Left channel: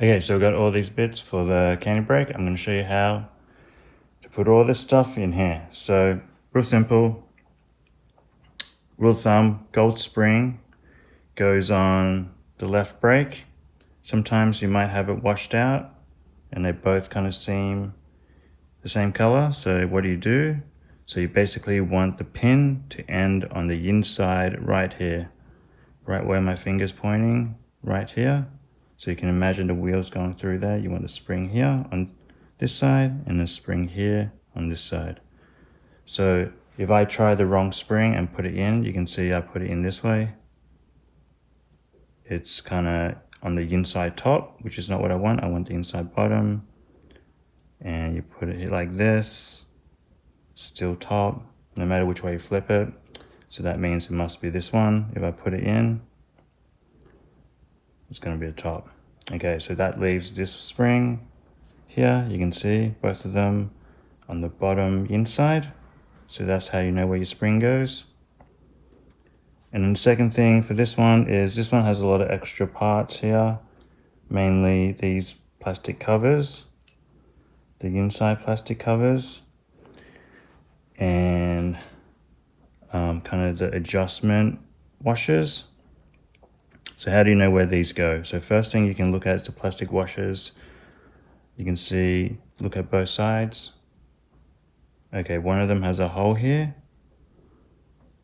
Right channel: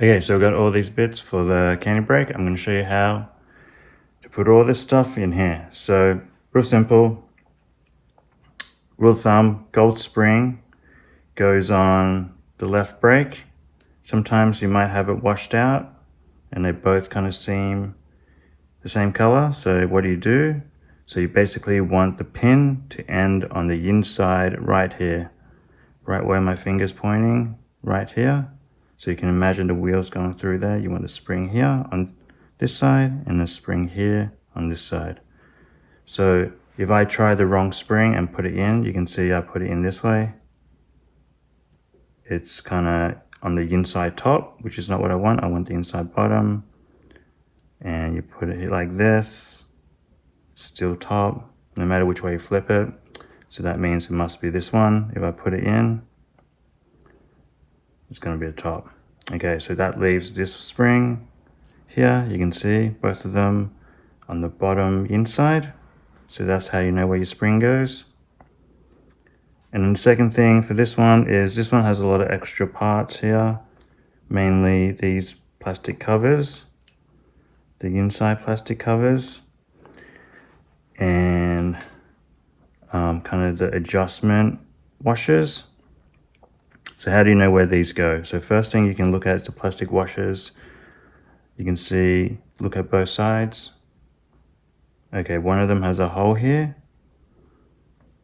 Okay, so I've got all these bits for the candy brake. I'm going to show you how to put all this stuff in here. So real simple, rule of thumb, gold spring goes on the left brake. Sometimes you might have it washed out and they both kind of seem the same color. So what do? So you basically want the pin to end on the inside right here, right where my finger's pointing, right here. So you can imagine the wheels going through there. You want the spring here on this side and the spring here on this side. So if I try the wrong spring and put it in, you can see I put it in this way. It's kind of on the inside top, which is not what I want. I want the inside bottom. And you put it like this, still top, no matter which way you flip it. So that means it must be this one. If I put it in, it's going to be the top. Okay, so that leaves this spring here. You can see both of them on the bottom inside. So that's how you know where your spring goes. And then the second thing for this one is this one has a lot of extra parts here, mainly these plastic covers, the inside plastic covers, and kind of the adjustment washers. So how do you know where these go? So first thing you can look at is the plastic washers. You can see, look at both sides. Okay, one of them has a hole here,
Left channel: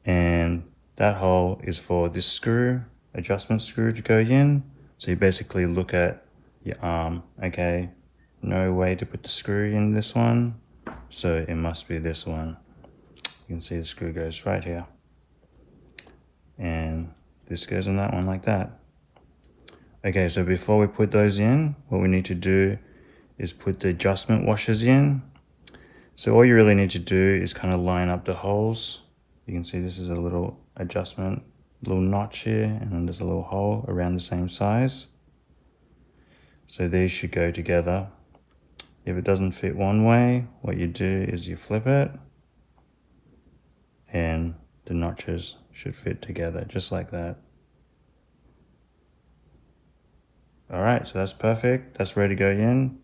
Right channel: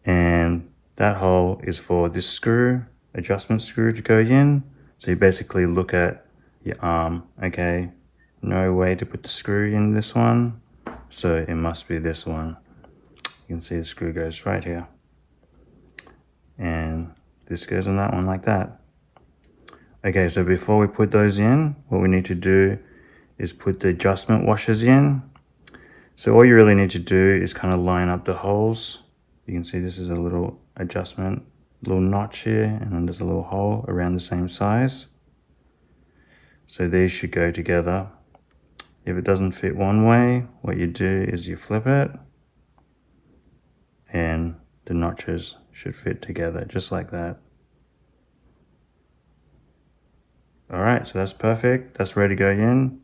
and that hole is for this screw, adjustment screw to go in. So you basically look at your arm. Okay, no way to put the screw in this one, so it must be this one. You can see the screw goes right here, and this goes on that one like that. Okay, so before we put those in, what we need to do is put the adjustment washers in. So all you really need to do is kind of line up the holes. You can see this is a little adjustment, little notch here, and then there's a little hole around the same size. So these should go together. If it doesn't fit one way, what you do is you flip it, and the notches should fit together just like that. All right, so that's perfect. That's ready to go in.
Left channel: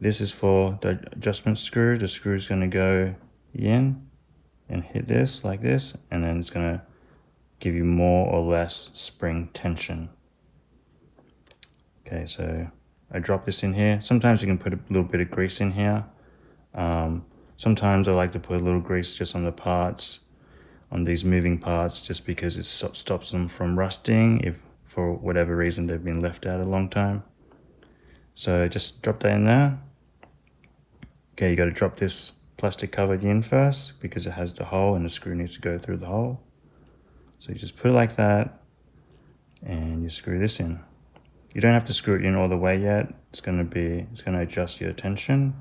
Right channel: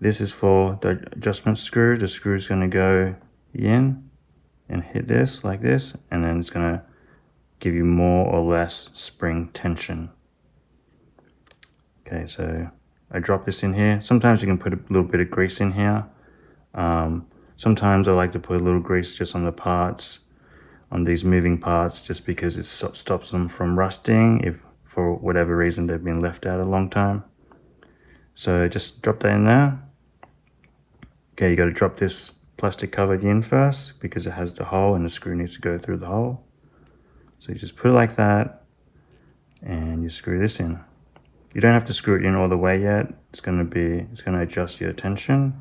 This is for the adjustment screw. The screw is going to go in and hit this like this, and then it's going to give you more or less spring tension. Okay, so I drop this in here. Sometimes you can put a little bit of grease in here. Sometimes I like to put a little grease just on the parts, on these moving parts, just because it stops them from rusting if for whatever reason they've been left out a long time. So just drop that in there. Okay, you got to drop this plastic cover in first because it has the hole and the screw needs to go through the hole. So you just put it like that and you screw this in. You don't have to screw it in all the way yet. It's going to adjust your tension,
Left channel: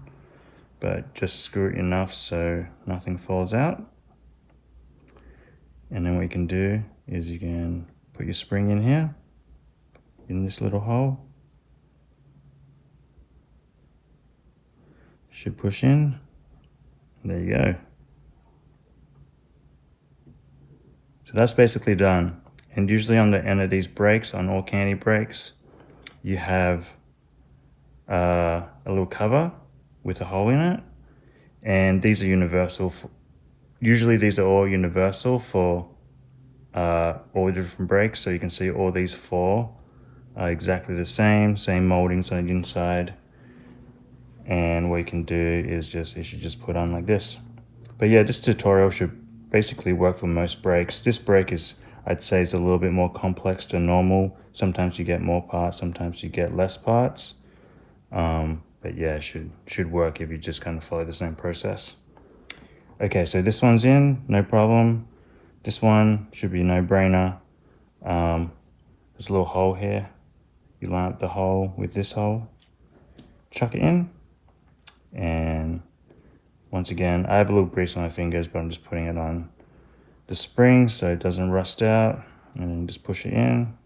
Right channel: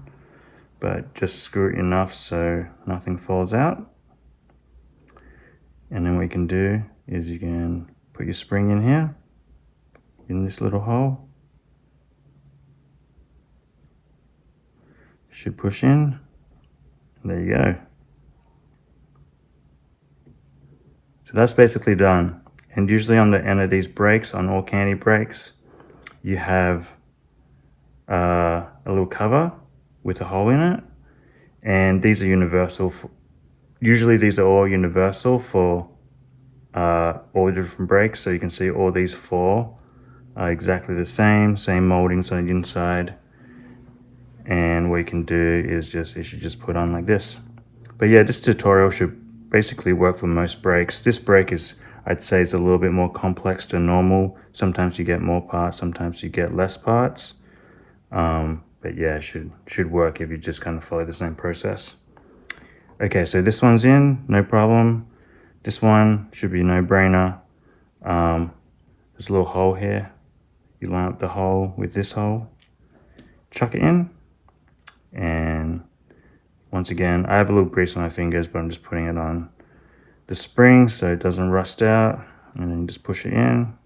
but just screw it enough so nothing falls out. And then what you can do is you can put your spring in here, in this little hole. Should push in. There you go. So that's basically done. And usually on the end of these brakes, on all candy brakes, you have a little cover with a hole in it. And these are universal. Usually these are all universal for all the different brakes. So you can see all these four are exactly the same moldings on the inside. And what you can do is you should just put on like this. But yeah, this tutorial should basically work for most brakes. This brake is, I'd say, is a little bit more complex than normal. Sometimes you get more parts, sometimes you get less parts. But yeah, it should work if you just kind of follow the same process. Okay, so this one's in, no problem. This one should be a no-brainer. There's a little hole here. You line up the hole with this hole, chuck it in. And once again, I have a little grease on my fingers, but I'm just putting it on the spring so it doesn't rust out. And then just push it in.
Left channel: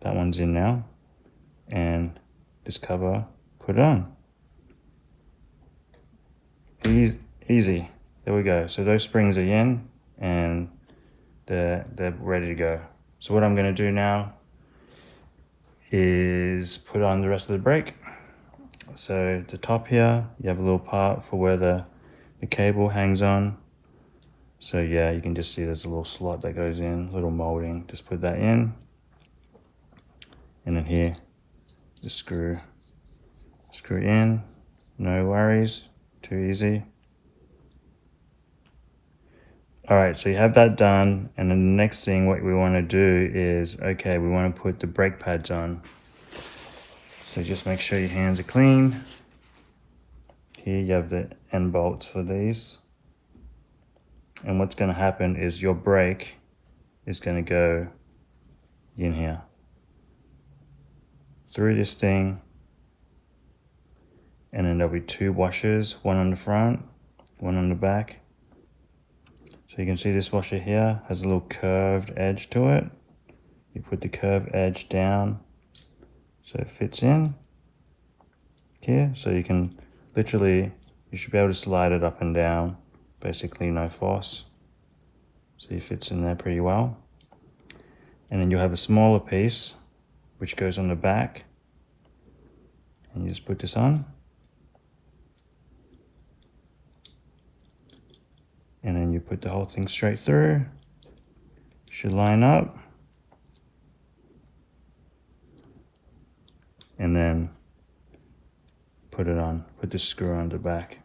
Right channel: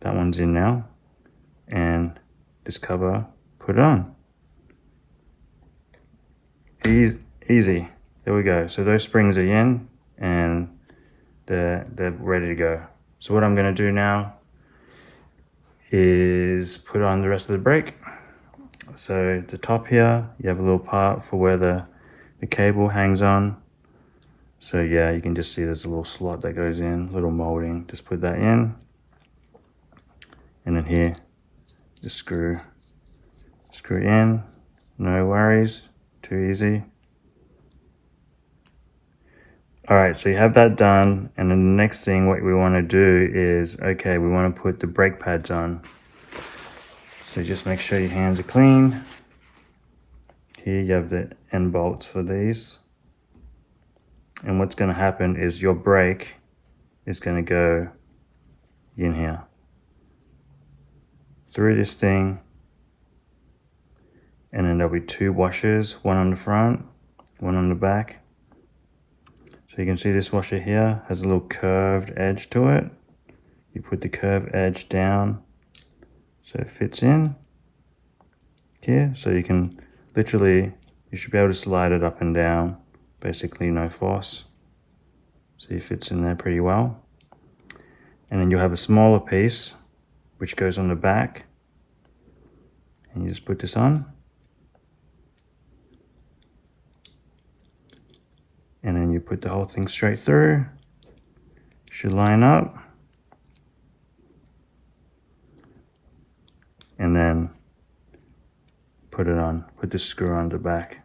That one's in now. And this cover, put it on. Easy. There we go. So those springs are in and they're ready to go. So what I'm going to do now is is put on the rest of the brake. So the top here, you have a little part for where the cable hangs on. So yeah, you can just see there's a little slot that goes in, little molding. Just put that in. And then here, just screw in. No worries, too easy. All right, so you have that done. And then the next thing, what we want to do is, okay, we want to put the brake pads on. So just make sure your hands are clean. Here you have the end bolts for these. And what's going to happen is your brake is going to go in here, through this thing, and then there'll be two washers, one on the front, one on the back. So you can see this washer here has a little curved edge to it. You put the curved edge down so it fits in here. So you can literally, you should be able to slide it up and down, basically no force. So it fits in there pretty well. And then you'll have a smaller piece which goes on the back. And you just put this on. And then you put the whole thing straight through. Should line up. And then put it on, put the screw on the back.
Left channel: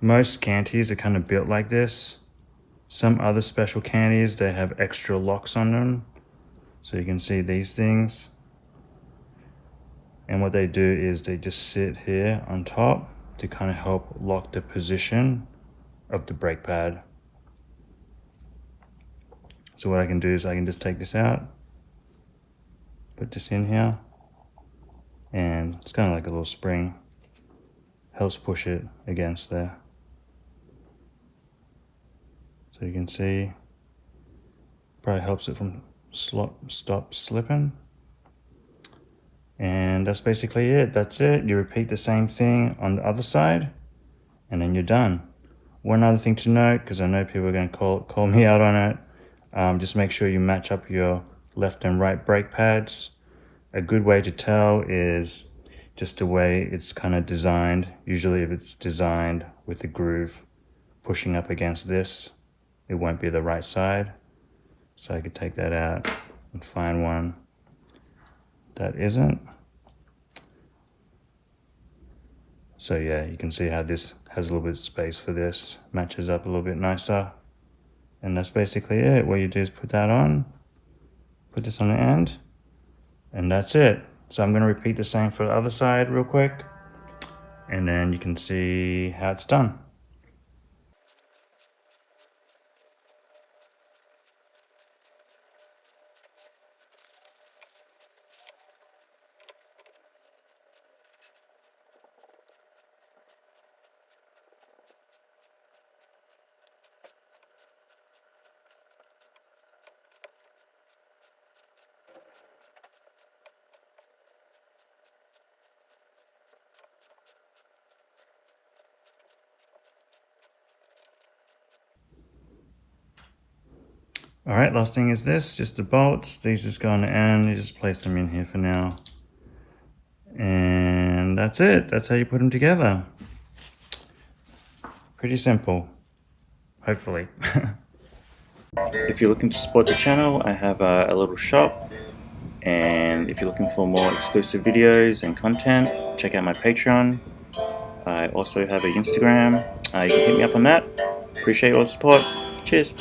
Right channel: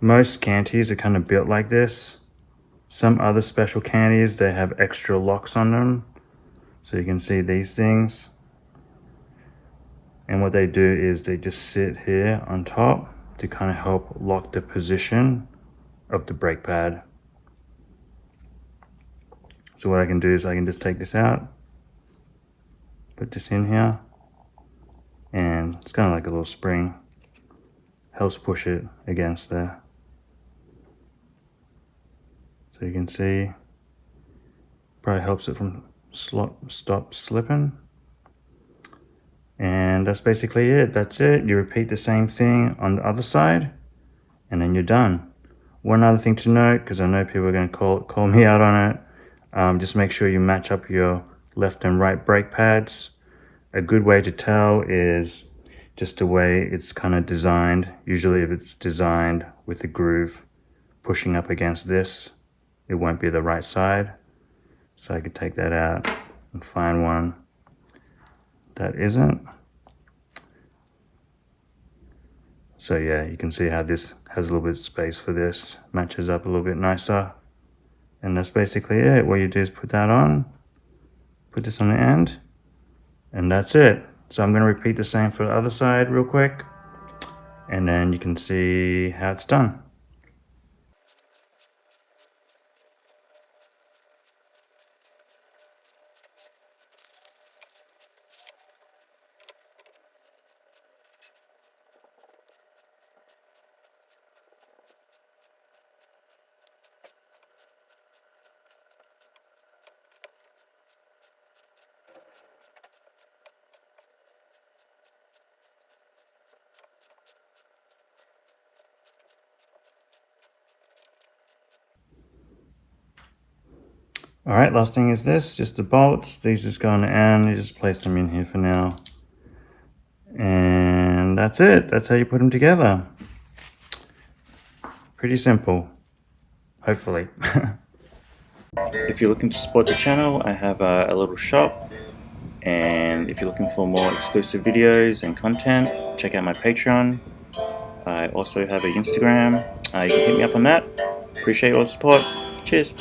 Most cantis are kind of built like this. Some other special cantis, they have extra locks on them. So you can see these things. And what they do is they just sit here on top to kind of help lock the position of the brake pad. So what I can do is I can just take this out, put this in here, and it's kind of like a little spring. Helps push it against there. So you can see, probably helps it from stop slipping. And that's basically it. That's it. You repeat the same thing on the other side, and then you're done. One other thing to note, because I know people are going to call me out on it, just make sure you match up your left and right brake pads. A good way to tell is just the way it's kind of designed. Usually if it's designed with the groove pushing up against this, it won't be the right side. So I could take that out and find one that isn't. So yeah, you can see how this has a little bit of space for this, matches up a little bit nicer. And that's basically it. What you do is put that on, put this on the end, and that's it. So I'm going to repeat the same for the other side real quick, and then you can see how it's done. All right, last thing is this, just the bolts. These just go on the end. You just place them in here for now. And that's it. That's how you put them together. Pretty simple, hopefully. If you're looking to support the channel, I have a little shop. And if you're looking for more exclusive videos and content, check out my Patreon. I also have an Instagram. You can hit me up on that. Appreciate all the support. Cheers.